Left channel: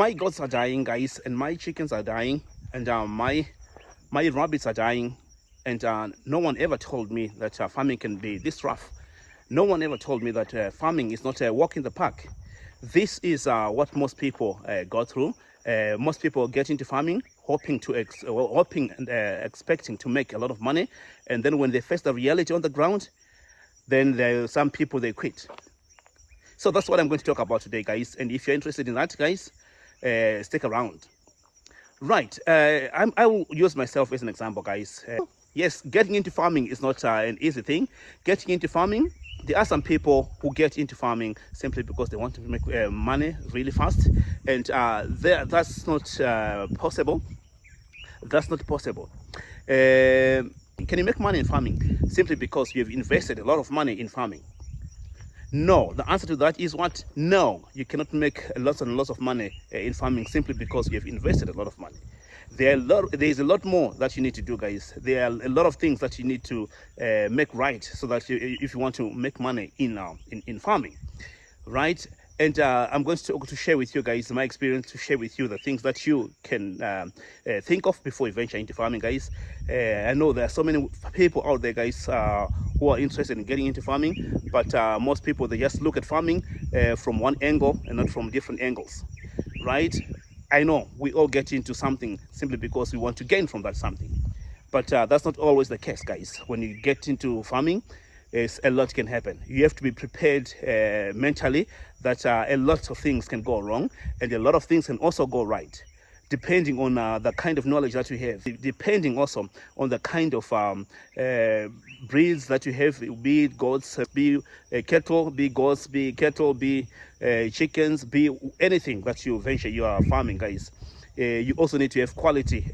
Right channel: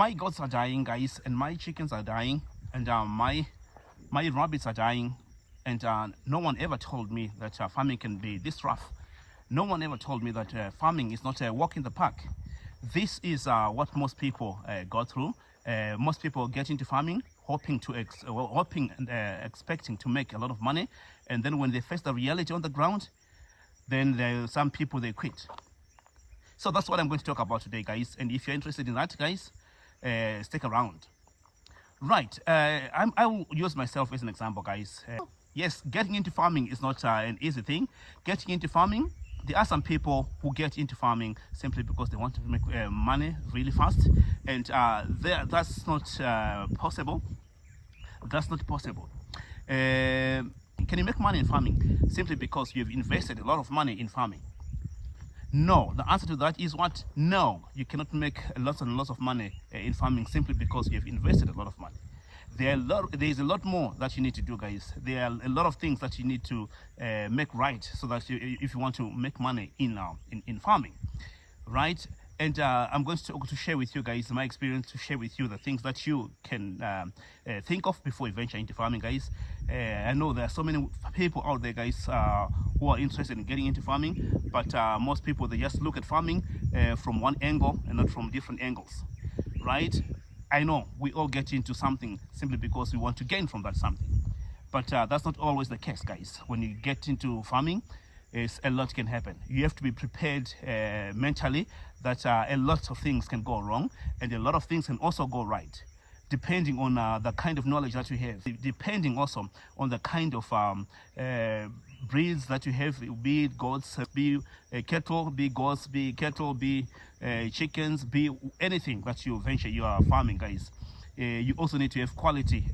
My goats are dying, guys, and my chickens are dying, and my rabbits are dying, and no one ever told me that farming can be this rough. No one ever told me that farming is not a walk in the park. This is what most people go through. Most people get into farming hoping and expecting to make a lot of money, and then when they face the reality on the ground, then some people they quit. So that's what I'm going to talk about today, guys. And if you're interested in that, guys, stick around. Right, I will use myself as an example, guys. Yes, getting into farming is not an easy thing. Getting into farming, there are some people who get into farming simply because they want to make money really fast, and that's not possible. That's not possible. Can you make money in farming simply because you've invested a lot of money in farming? No, the answer to that is what? No, you cannot make lots and lots of money in farming simply because you've invested a lot of money. There is a lot more that you need to do, guys. There are a lot of things that you need to make right so that if you want to make money in farming, right? And I'm going to share with you guys my experience, to share with you the things that you can think of before you venture into farming, guys. I know there are so many people out there, guys, who are interested in getting into farming, but most people, they just look at farming from one angle and not from different angles, right? I know we all get into something simply because we want to gain from that something, but that's not always the case, guys. When you get into farming, a lot can happen. You have to be prepared mentally that a lot of things can go wrong, and a lot of things can also go right, depending on the kind of knowledge that you have, depending also on the kind of breeds that you have, be it goats, be cattle, be goats, be cattle, be chickens, be anything that you venture you are farming, guys. You also need to have quality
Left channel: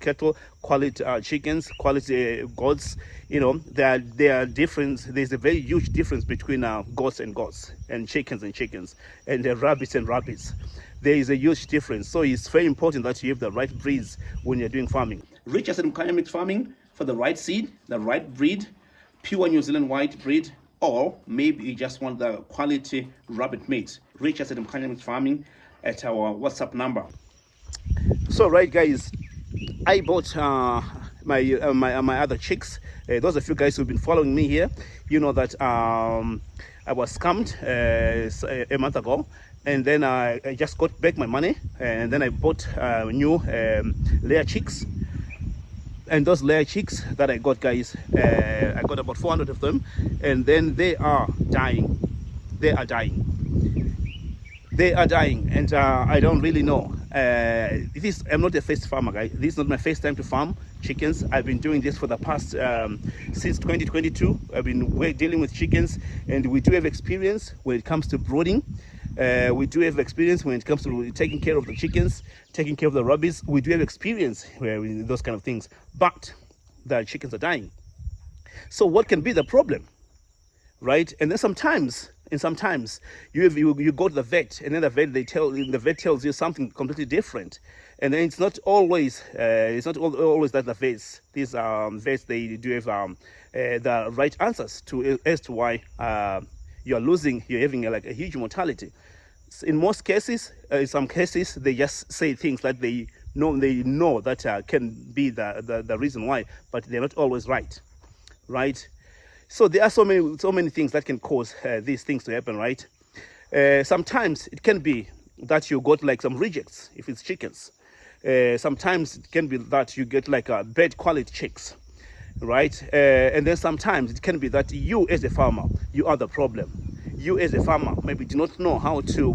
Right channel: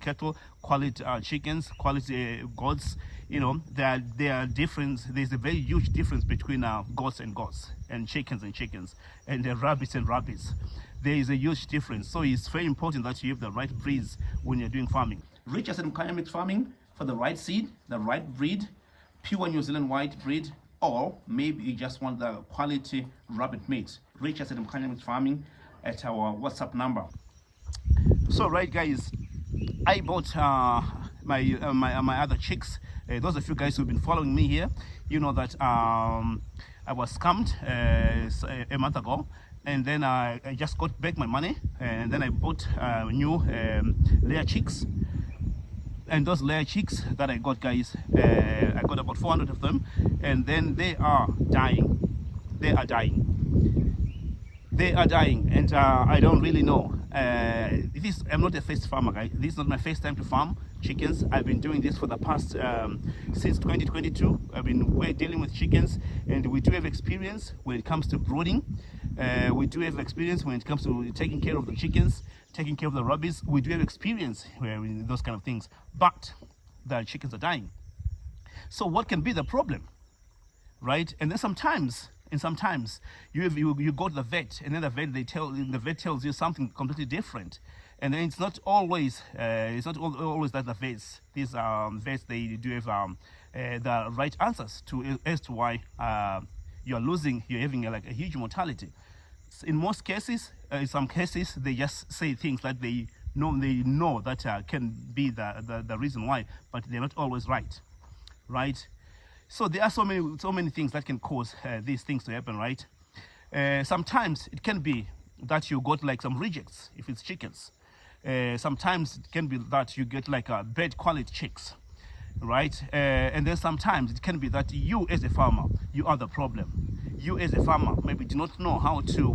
cattle, quality chickens, quality goats. You know, there are difference. There's a very huge difference between goats and chickens and rabbits and rabbits. There is a huge difference. So it's very important that you have the right breeds when you're doing farming. Rich acid mechanic farming for the right seed, the right breed, pure New Zealand white breed, or maybe you just want the quality rabbit meat. Rich acid mechanic farming at our WhatsApp number. So right, guys, I bought my other chicks. Those of you guys who've been following me here, you know that I was scammed a month ago, and then I just got back my money, and then I bought new layer chicks. And those layer chicks that I got, guys, I got about 400 of them, and then they are dying. They are dying, and I don't really know. I'm not a first farmer, guys. This is not my first time to farm chickens. I've been doing this for the past since 2022. I've been dealing with chickens, and we do have experience when it comes to brooding. We do have experience when it comes to taking care of the chickens, taking care of the rabbits. We do have experience with those kind of things, but the chickens are dying. So what can be the problem, right? And then sometimes you go to the vet, and then the vet tells you something completely different, and then it's not always that the vets, these vets, they do have the right answers as to why you're having like a huge mortality. In most cases, in some cases, they just say things that they know that can be the reason why, but they're not always right. So there are so many things that can cause these things to happen, right? Sometimes it can be that you got like some rejects if it's chickens. Sometimes it can be that you get like bad quality chicks, right? And then sometimes it can be that you as a farmer, you are the problem. You as a farmer maybe do not know how to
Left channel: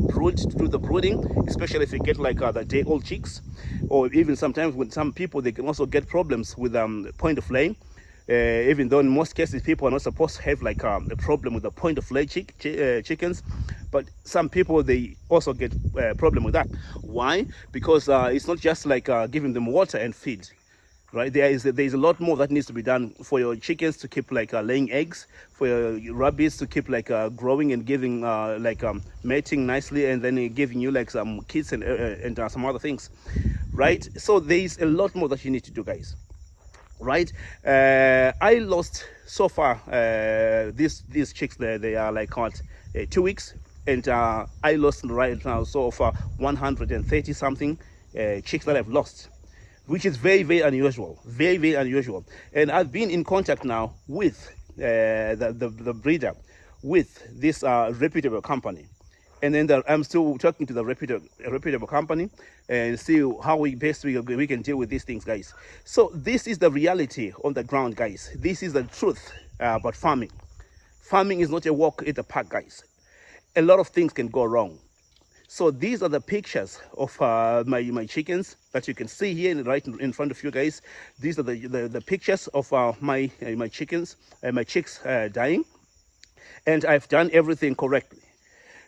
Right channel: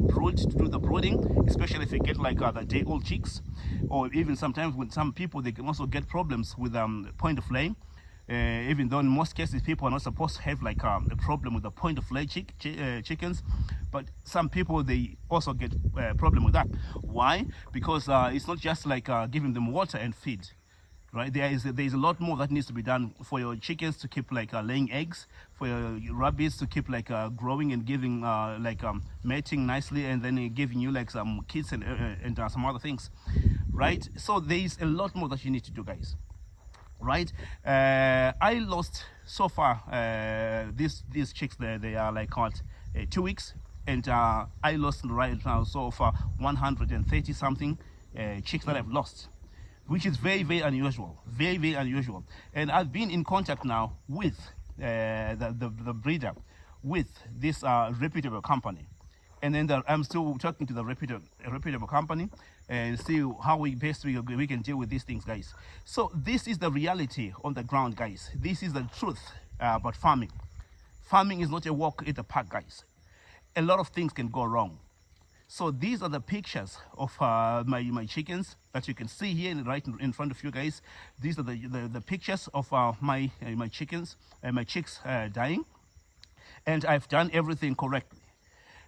do the brooding, especially if you get like the day-old chicks, or even sometimes with some people they can also get problems with point of laying. Even though in most cases people are not supposed to have like a problem with the point of lay chickens, but some people they also get a problem with that. Why? Because it's not just like giving them water and feed, right? There is a lot more that needs to be done for your chickens to keep like laying eggs, for your rabbits to keep like growing and giving mating nicely, and then giving you like some kids and some other things, right? So there is a lot more that you need to do, guys. Right, I lost so far these chicks. They are like 2 weeks. and I lost right now so far 130 something chicks that I've lost, which is very, very unusual, very, very unusual. And I've been in contact now with the breeder, with this reputable company. And then I'm still talking to the reputable company and see how we can deal with these things, guys. So this is the reality on the ground, guys. This is the truth about farming. Farming is not a walk in the park, guys. A lot of things can go wrong. So these are the pictures of my chickens that you can see here right in front of you, guys. These are the pictures of my chickens, my chicks dying, and I've done everything correctly.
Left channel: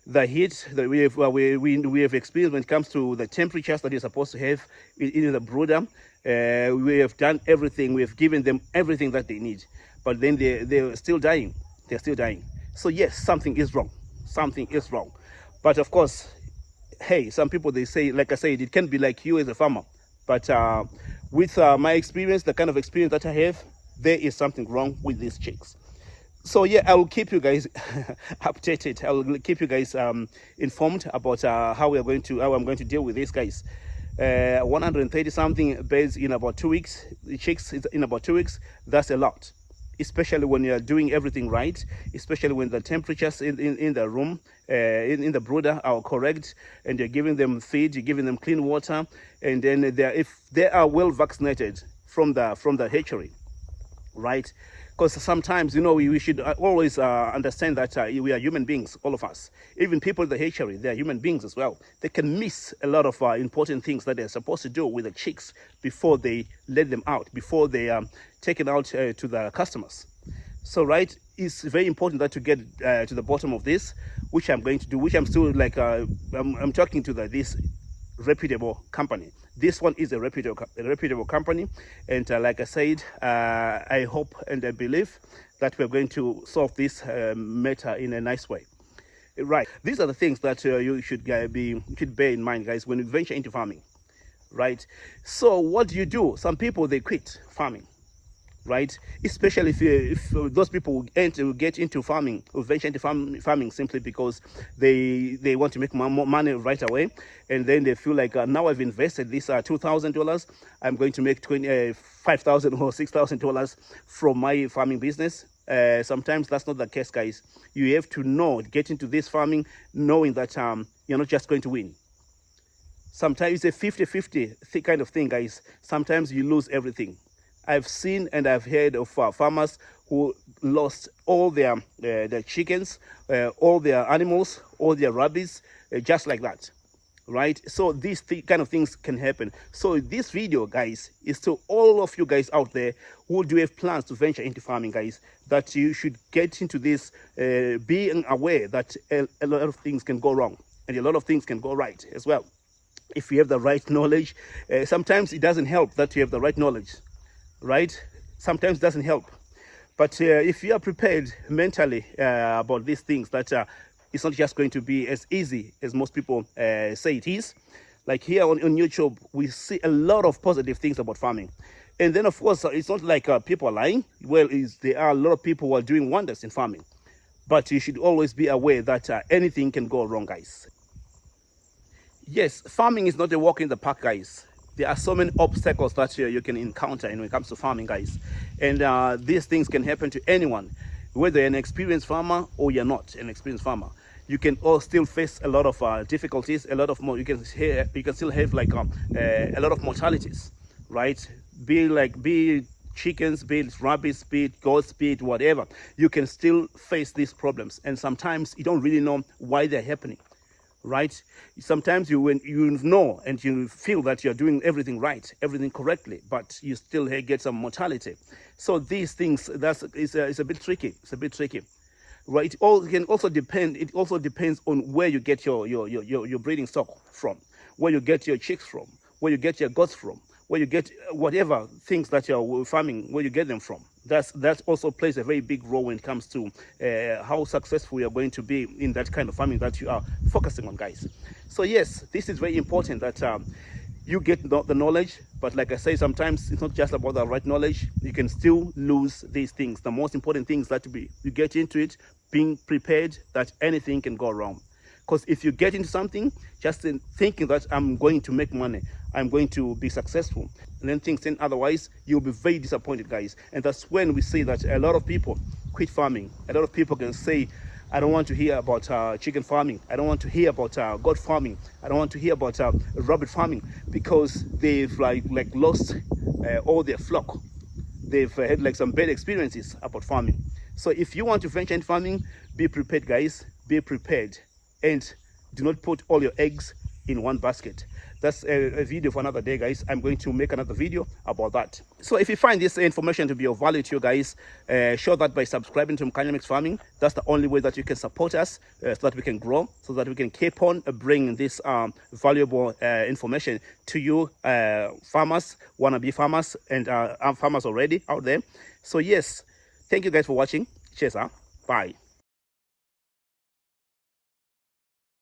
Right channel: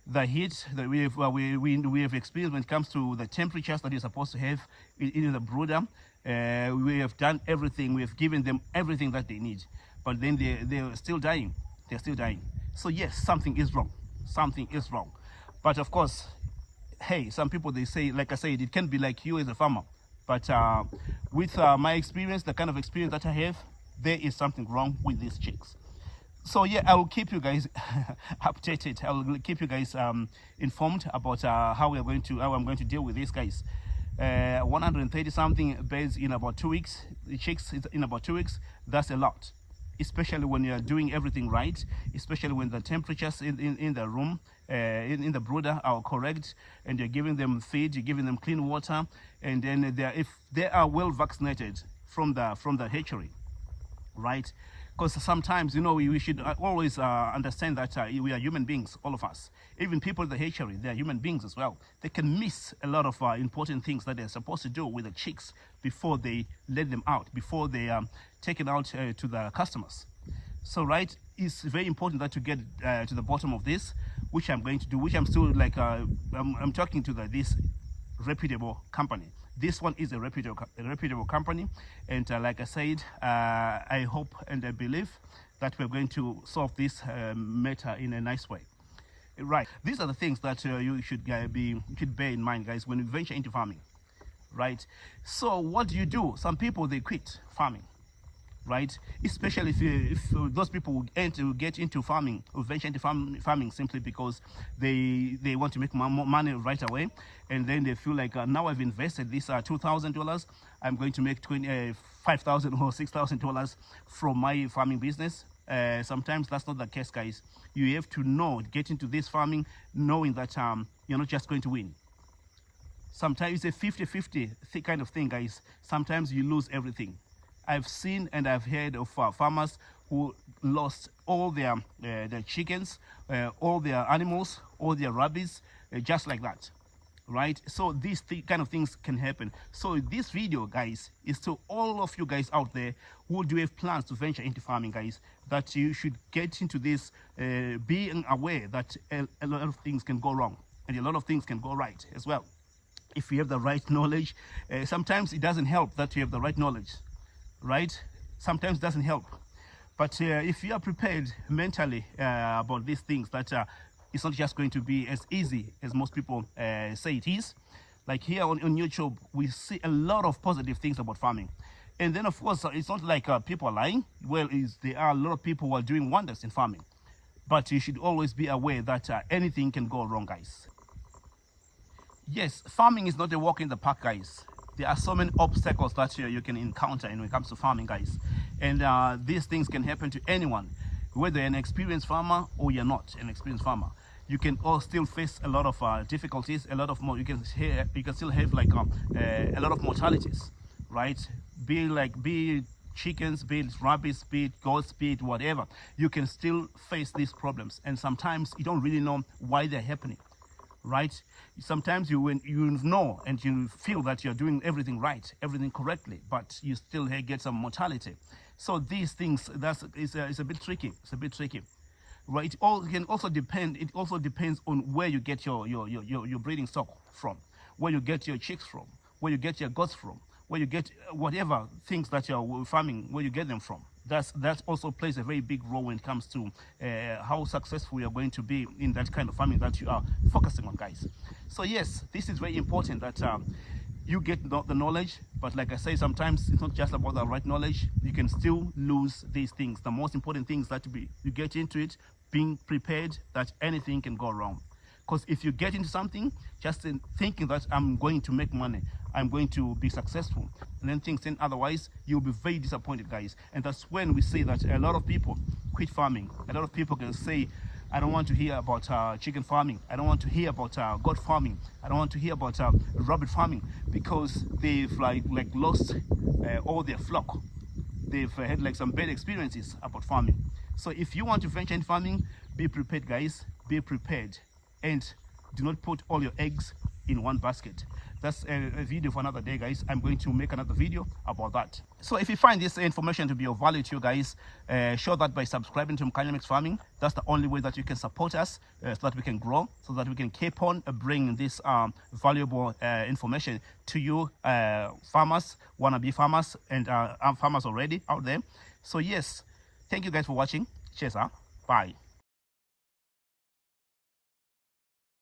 The heat that we have experienced when it comes to the temperatures that you're supposed to have in the brooder, we have done everything. We have given them everything that they need, but then they're still dying. They're still dying. So yes, something is wrong. Something is wrong. But of course, hey, some people, they say, like I said, it can be like you as a farmer. But with my experience, the kind of experience that I have, there is something wrong with these chicks. So yeah, I will keep you guys updated. I will keep you guys informed about how I'm going to deal with these guys. 130 something birds in about 2 weeks. The chicks in about 2 weeks. That's a lot, especially when you are doing everything right. Especially when the temperatures in the room, in the brooder, are correct, and you're giving them feed, you're giving them clean water, and then if they are well vaccinated from the hatchery, right? Because sometimes, we should always understand that we are human beings, all of us. Even people in the hatchery, they are human beings as well. They can miss a lot of important things that they're supposed to do with the chicks before they let them out, before they take it out to the customers. So, right, it's very important that to get to the bottom of this, which I'm going to do, which I'm still like, I'm talking to this reputable company. This one is a reputable company, and like I said, I hope and I believe that we're going to solve this matter in a nice way. Right, these are the things that you should bear in mind, guys, when you venture into farming. Right, so what do you do? Some people, they quit farming, right? Especially if those people will get into farming, or venture into farming simply because they want to make more money right away, and then they feel like now I've invested this $2,000, I'm going to make $5,000 or $6,000 from my farming business. Sometimes that's not the case, guys. You have to get into this farming knowing that you're not just going to win. Sometimes it's a 50-50 kind of thing, guys. Sometimes you lose everything. I've seen and I've heard of farmers who lost all their chickens, all their animals, all their rabbits, just like that, right? So these kind of things can happen. So this video, guys, is to all of you guys out there who do have plans to venture into farming, guys, that you should get into this, being aware that a lot of things can go wrong and a lot of things can go right as well. If you have the right knowledge, sometimes it doesn't help that you have the right knowledge. Right? Sometimes doesn't help. But if you are prepared mentally about these things, that it's not just going to be as easy as most people say it is. Like here on YouTube, we see a lot of positive things about farming. And then, of course, it's not like people are lying. Well, there are a lot of people who are doing wonders in farming. But you should always be aware that anything can go wrong, guys. Yes, farming is not a walk in the park, guys. There are so many obstacles that you can encounter when it comes to farming, guys. And these things can happen to anyone, whether you're an experienced farmer or you're not an experienced farmer. You can all still face a lot of difficulties, a lot of more. You can still have like a lot of mortalities, right? Be it chickens, be it rabbits, be it goats, be it whatever. You can still face these problems, and sometimes you don't really know why they're happening. Right? Sometimes when you know and you feel that you're doing everything right, everything correctly, but you still get some mortality. So these things, it's a bit tricky. It's a bit tricky, right? It can also depend. It also depends on where you get your breeding stock from, where you get your chicks from, where you get your goats from, where you get whatever things that you're farming, where you get them from. That also plays a very big role when it comes to how successful you are going to be in that kind of farming that you are focusing on, guys. So yes, this is very important that you get the knowledge, but like I say, sometimes it's not just about the right knowledge. You can still lose these things. The most important thing is that you get into it being prepared that anything can go wrong. Because if you get into something just in thinking that I'm going to make money, I'm going to be successful, and then things turn otherwise, you'll be very disappointed, guys. And that's when we say that a lot of people quit farming. A lot of people can say, I don't want to hear about chicken farming. I don't want to hear about goat farming. I don't want to hear about rabbit farming, because they've like lost all their flock. They've had like some bad experiences about farming. So if you want to venture in farming, be prepared, guys. Be prepared, and do not put all your eggs in one basket. That's a video for another day, guys. I'm going to make another video about that. So if you find this information to be of value to you guys, show that by subscribing to Mkanya Mix Farming. That's the only way that you can support us, so that we can grow, so that we can keep on bringing this valuable information to you farmers, wannabe farmers, and farmers already out there. So yes, thank you guys for watching. Cheers, bye.